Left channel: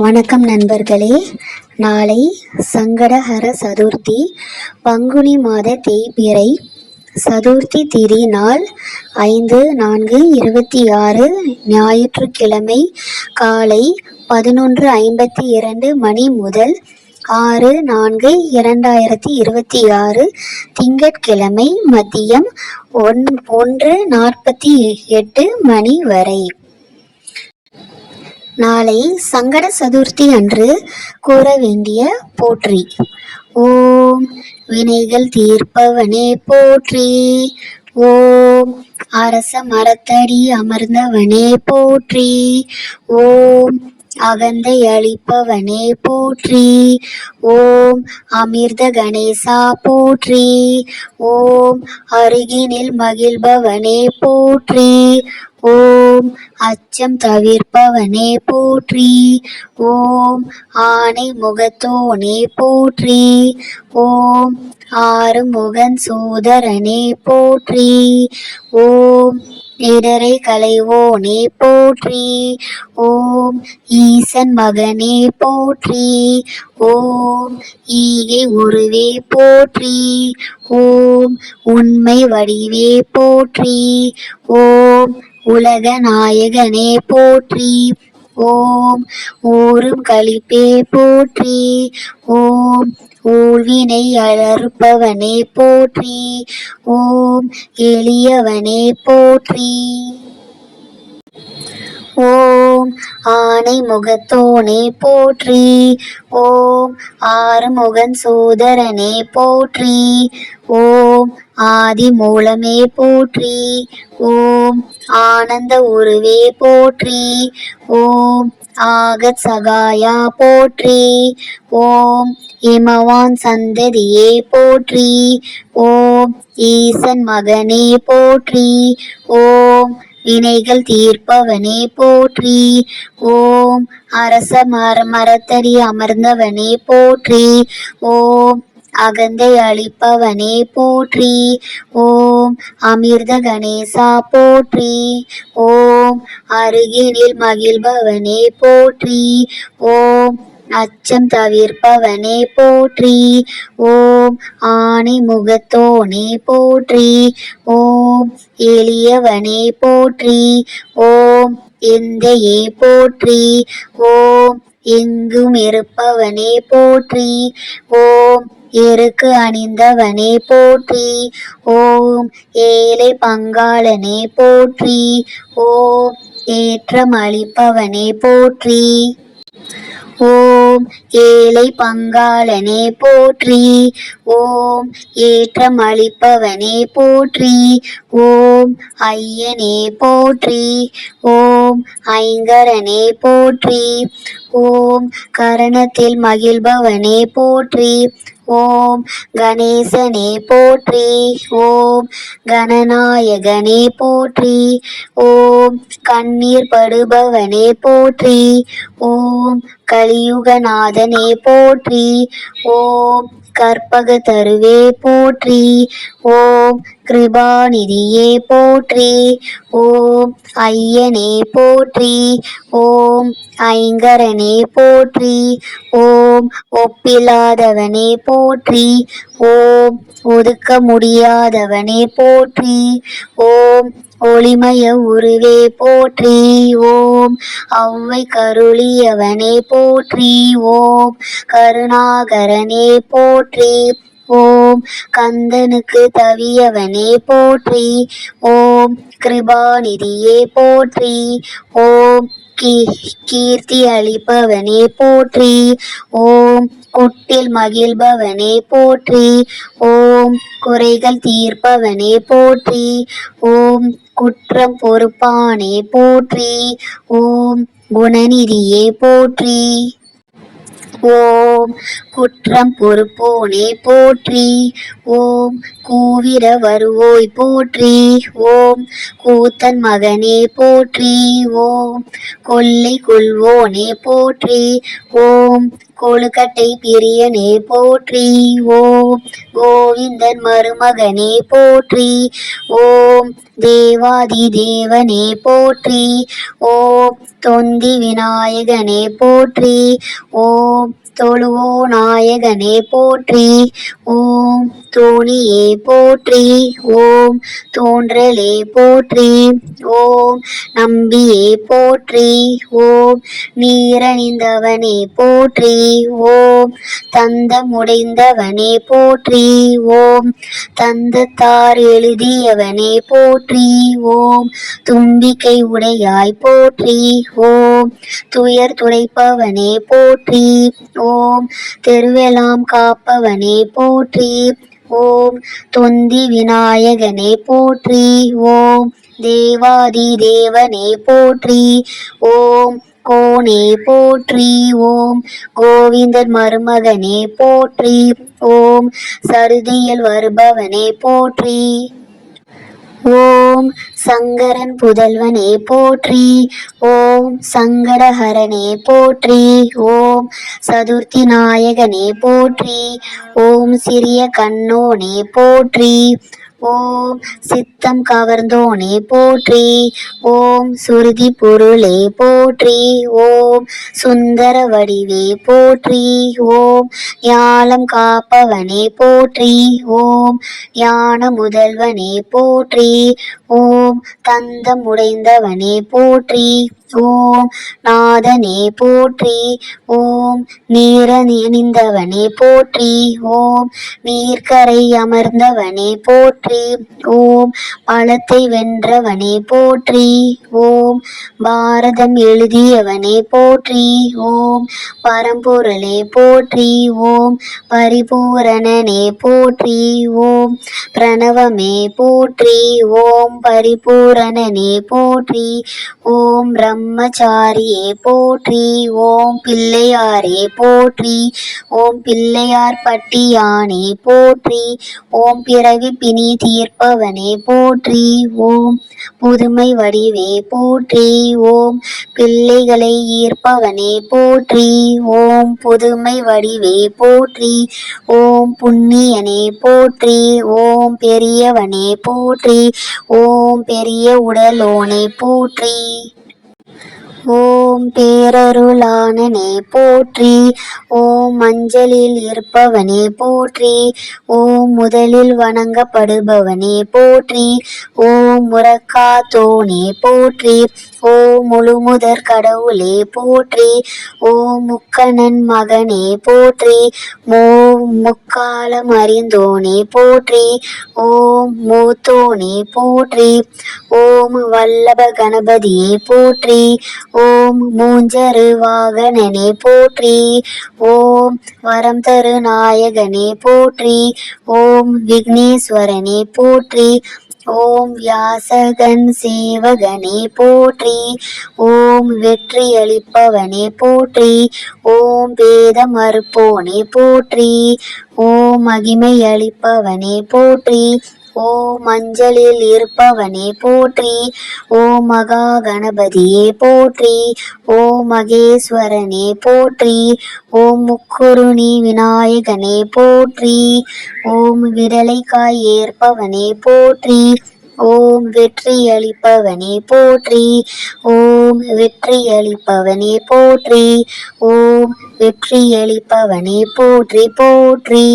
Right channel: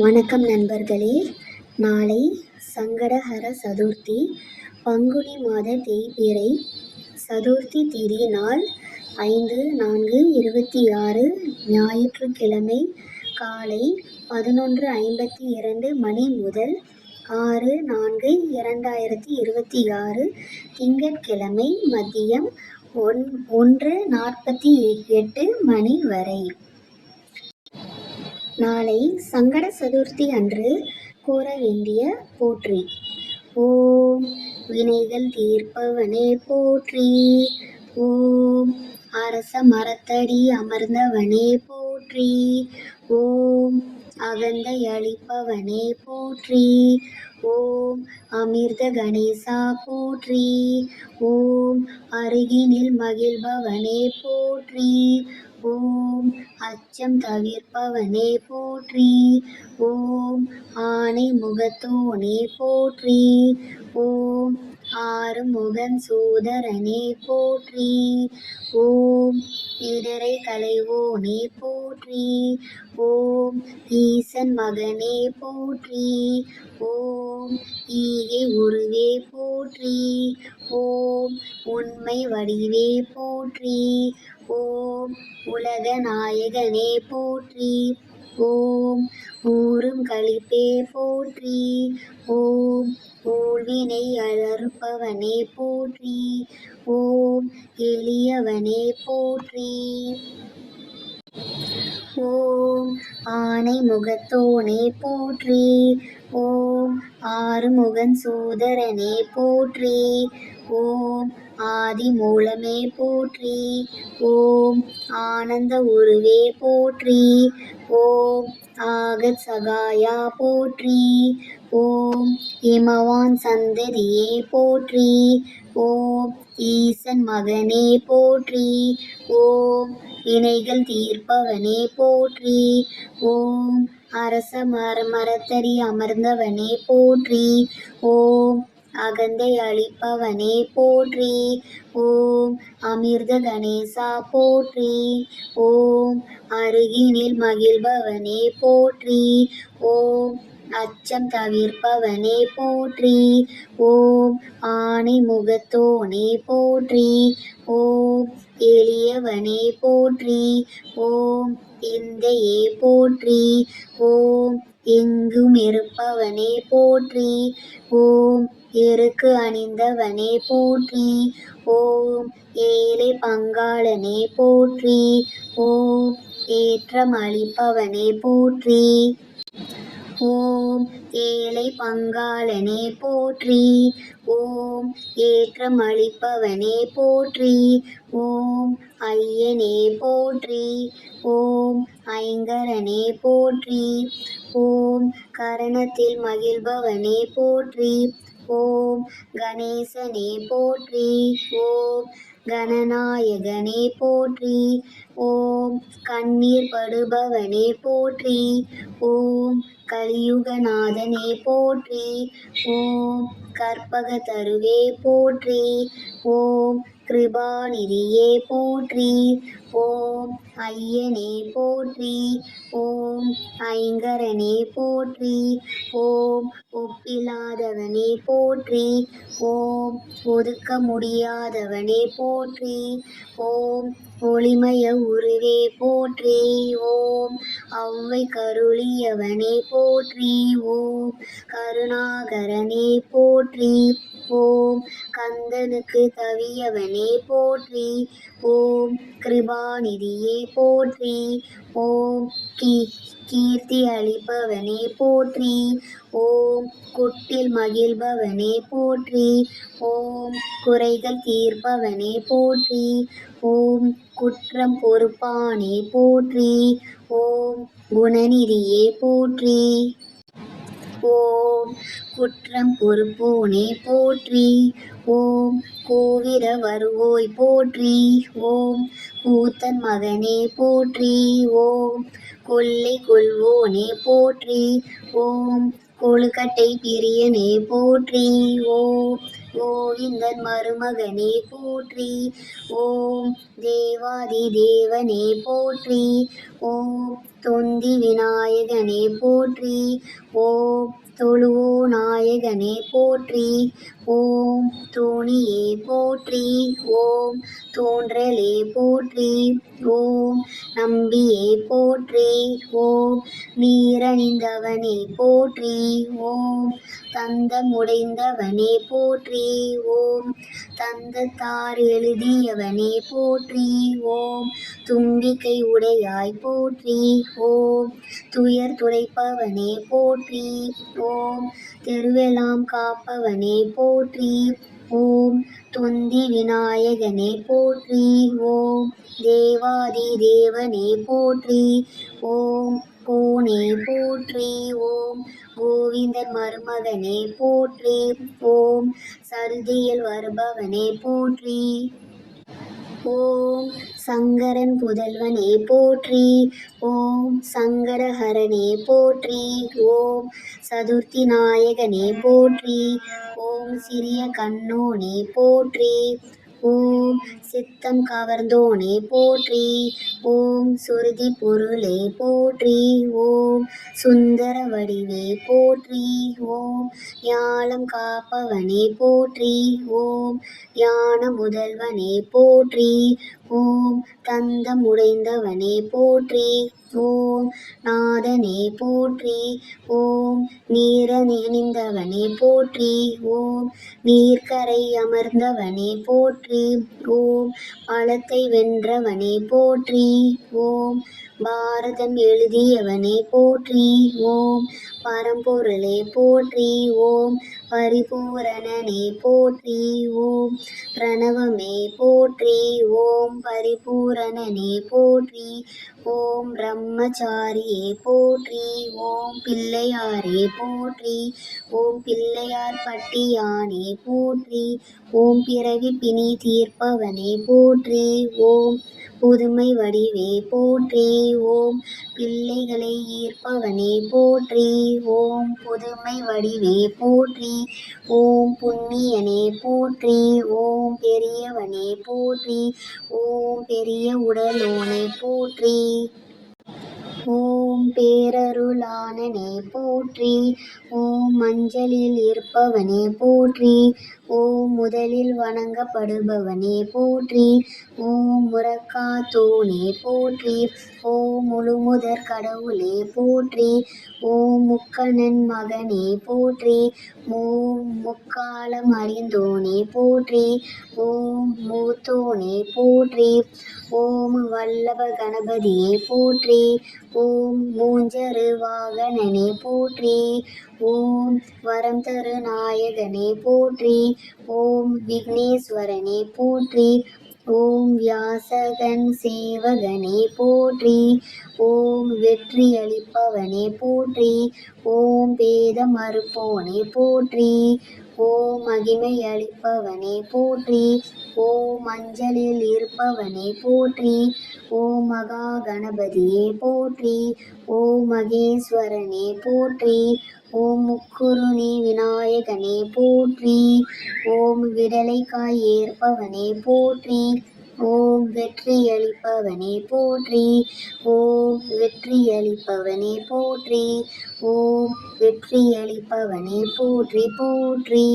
வணக்கம் நண்பர்களே. நாளை சங்கடஹர சதுர்த்தி, பங்குனி மாத தேய்பிறை சதுர்த்தி திதி நாள் 5/4/26 ஞாயிற்றுக்கிழமை காலை 11:52 மணி முதல் 6/4/2026 திங்கட்கிழமை மதியம் 1:48 மணி வரை. நாளை சங்கட சதுர்த்தி அன்று கூற வேண்டிய போற்றி. ஓம் வினைகள் தீர்ப்பவனே போற்றி. ஓம் அரச மரத்தடி அமர்ந்தவனே போற்றி. ஓம் அகந்தை அளிப்பவனே போற்றி. ஓம் அமிர்த கணேசா போற்றி. ஓம் அருகினில் மகிழ்பவனே போற்றி. ஓம் அச்சம் தவிர்ப்பவனே போற்றி. ஓம் ஆனை முகத்தோனே போற்றி. ஓம் ஆறுமுகன் சோதரனே போற்றி. ஓம் இடரை களைவோனே போற்றி. ஓம் ஈசன் மகனே போற்றி. ஓம் ஈகை உருவே போற்றி. ஓம் உண்மை வடிவே போற்றி. ஓம் உலக நாயகனே போற்றி. ஓம் ஊரும் களிப்பே போற்றி. ஓம் ஊழ்வினை அறுப்பவனே போற்றி. ஓம் எளியவனே போற்றி. ஓம் ஆனை முகத்தோனே போற்றி. ஓம் ஆறுமுகன் சோதரனே போற்றி. ஓம் ஆதி மூலமே போற்றி. ஓம் ஆனந்த உருவே போற்றி. ஓம் ஆகத் சகாயா போற்றி. ஓம் இமவான் சந்ததியே போற்றி. ஓம் ஈசன் மகனே போற்றி. ஓம் வினைகள் தீர்ப்பவனே போற்றி. ஓம் அரச மரத்தடி அமர்ந்தவனே போற்றி. ஓம் அகந்தை அளிப்பவனே போற்றி. ஓம் அமிர்த கணேசா போற்றி. ஓம் அருகினில் மகிழ்பவனே போற்றி. ஓம் அச்சம் தவிர்ப்பவனே போற்றி. ஓம் ஆனை முகத்தோனே போற்றி. ஓம் எளியவனே போற்றி. ஓம் எந்தையே போற்றி. ஓம் எங்கும் இருப்பவனே போற்றி. ஓம் எருக்கு அணிந்தவனே போற்றி. ஓம் ஏழை பங்காளனே போற்றி. ஓம் ஏற்றம் அளிப்பவனே போற்றி. ஓம் ஏழை பங்காளனே போற்றி. ஓம் ஏற்றம் அளிப்பவனே போற்றி. ஓம் ஐயனே போற்றி. ஓம் ஐங்கரனே போற்றி. ஓம் கரணத்தில் மகிழ்பவனே போற்றி. ஓம் கணேசனே போற்றி. ஓம் கணநாயகனே போற்றி. ஓம் கண்ணீர் படுபவனே போற்றி. ஓம் கலியுகநாதனே போற்றி. ஓம் கற்பக தருவே போற்றி. ஓம் கிருபாநிதியே போற்றி. ஓம் ஐயனே போற்றி. ஓம் ஐங்கரனே போற்றி. ஓம் ஒப்பில்லாதவனே போற்றி. ஓம் ஒதுக்க முடியாதவனே போற்றி. ஓம் ஒளிமய உருவே போற்றி. ஓம் ஔவை கருளியவனே போற்றி. ஓம் கருணாகரனே போற்றி. ஓம் கந்தனுக்கு தவியவனே போற்றி. ஓம் கிருபாநிதியே போற்றி. ஓம் கீர்த்தி அளிப்பவனே போற்றி. ஓம் குட்டில் மகிழ்பவனே போற்றி. ஓம் குறைகள் தீர்ப்பவனே போற்றி. ஓம் குற்றம் பொறுப்பானே போற்றி. ஓம் குணநிதியே போற்றி. ஓம் குற்றம் பொறுப்போனே போற்றி. ஓம் கூவிர வருவோய் போற்றி. ஓம் கூத்தன் மகனே போற்றி. ஓம் கொள்ளை கொள்வோனே போற்றி. ஓம் கொழுக்கட்டை பிரியனே போற்றி. ஓம் கோவிந்தன் மருமகனே போற்றி. ஓம் தேவாதி தேவனே போற்றி. ஓம் தொந்தி விநாயகனே போற்றி. ஓம் தொழுவோ நாயகனே போற்றி. ஓம் தோணியே போற்றி. ஓம் தோன்றலே போற்றி. ஓம் நம்பியே போற்றி. ஓம் நீரணிந்தவனே போற்றி. ஓம் தந்தமுடைந்தவனே போற்றி. ஓம் தந்தத்தார் எழுதியவனே போற்றி. ஓம் தும்பிக்கை உடையாய் போற்றி. ஓம் துயர் துடைப்பவனே போற்றி. ஓம் தெருவெல்லாம் காப்பவனே போற்றி. ஓம் தொந்தி விநாயகனே போற்றி. ஓம் தேவாதி தேவனே போற்றி. ஓம் கோனே போற்றி. ஓம் கோவிந்தன் மருமகனே போற்றி. ஓம் சருதியில் வருபவனே போற்றி. ஓம் சங்கரன் புதல்வனே போற்றி. ஓம் சங்கடஹரனே போற்றி. ஓம் சதுர்த்தி நாயகனே போற்றி. ஓம் சிறிய கண்ணோனே போற்றி. ஓம் சித்தம் கவர்ந்தோனே போற்றி. ஓம் சுருதி பொருளே போற்றி. ஓம் சுந்தர வடிவே போற்றி. ஓம் ஞாலம் காப்பவனே போற்றி. ஓம் ஞான முதல்வனே போற்றி. ஓம் தந்தம் உடைந்தவனே போற்றி. ஓம் நாதனே போற்றி. ஓம் நீரணிந்தவனே போற்றி. ஓம் நீர்க்கரை அமர்ந்தவனே போற்றி. ஓம் பழத்தை வென்றவனே போற்றி. ஓம் பாரதம் எழுதியவனே போற்றி. ஓம் பரம்பொருளே போற்றி. ஓம் பரிபூரணனே போற்றி. ஓம் பிரணவமே போற்றி. ஓம் பரிபூரணனே போற்றி. ஓம் பிரம்மச்சாரியே போற்றி. ஓம் பிள்ளையாரே போற்றி. ஓம் பிள்ளையார் பட்டியானே போற்றி. ஓம் பிறவி பிணி தீர்ப்பவனே போற்றி. ஓம் புதுமை வடிவே போற்றி. ஓம் பிள்ளைகளை ஈர்ப்பவனே போற்றி. ஓம் புதுமை வடிவே போற்றி. ஓம் புண்ணியனே போற்றி. ஓம் பெரியவனே போற்றி. ஓம் பெரிய உடலோனே போற்றி. ஓம் பேரருளாளனே போற்றி. ஓம் மஞ்சளில் இருப்பவனே போற்றி. ஓம் முதலில் வணங்கப்படுபவனே போற்றி. ஓம் முறக்காத்தோனே போற்றி. ஓம் முழுமுதற் கடவுளே போற்றி. ஓம் முக்கணன் மகனே போற்றி. ஓம் முக்காலம் அறிந்தோனே போற்றி. ஓம் மூத்தோனே போற்றி. ஓம் வல்லப கணபதியே போற்றி. ஓம் மூஞ்சரு வாகனனே போற்றி. ஓம் வரம் தரு நாயகனே போற்றி. ஓம் விக்னேஸ்வரனே போற்றி. ஓம் வியாசகன் சேவகனே போற்றி. ஓம் வெற்றியளிப்பவனே போற்றி. ஓம் வேத மறுப்போனே போற்றி. ஓம் மகிமை அளிப்பவனே போற்றி. ஓம் மஞ்சளில் இருப்பவனே போற்றி. ஓம் மகா கணபதியே போற்றி. ஓம் மகேஸ்வரனே போற்றி. ஓம் முக்குருணி விநாயகனே போற்றி. ஓம் விடலைக்காய் ஏற்பவனே போற்றி. ஓம் வெற்றியளிப்பவனே போற்றி. ஓம் வெற்றியளிப்பவனே போற்றி. ஓம் வெற்றியளிப்பவனே போற்றி போற்றி.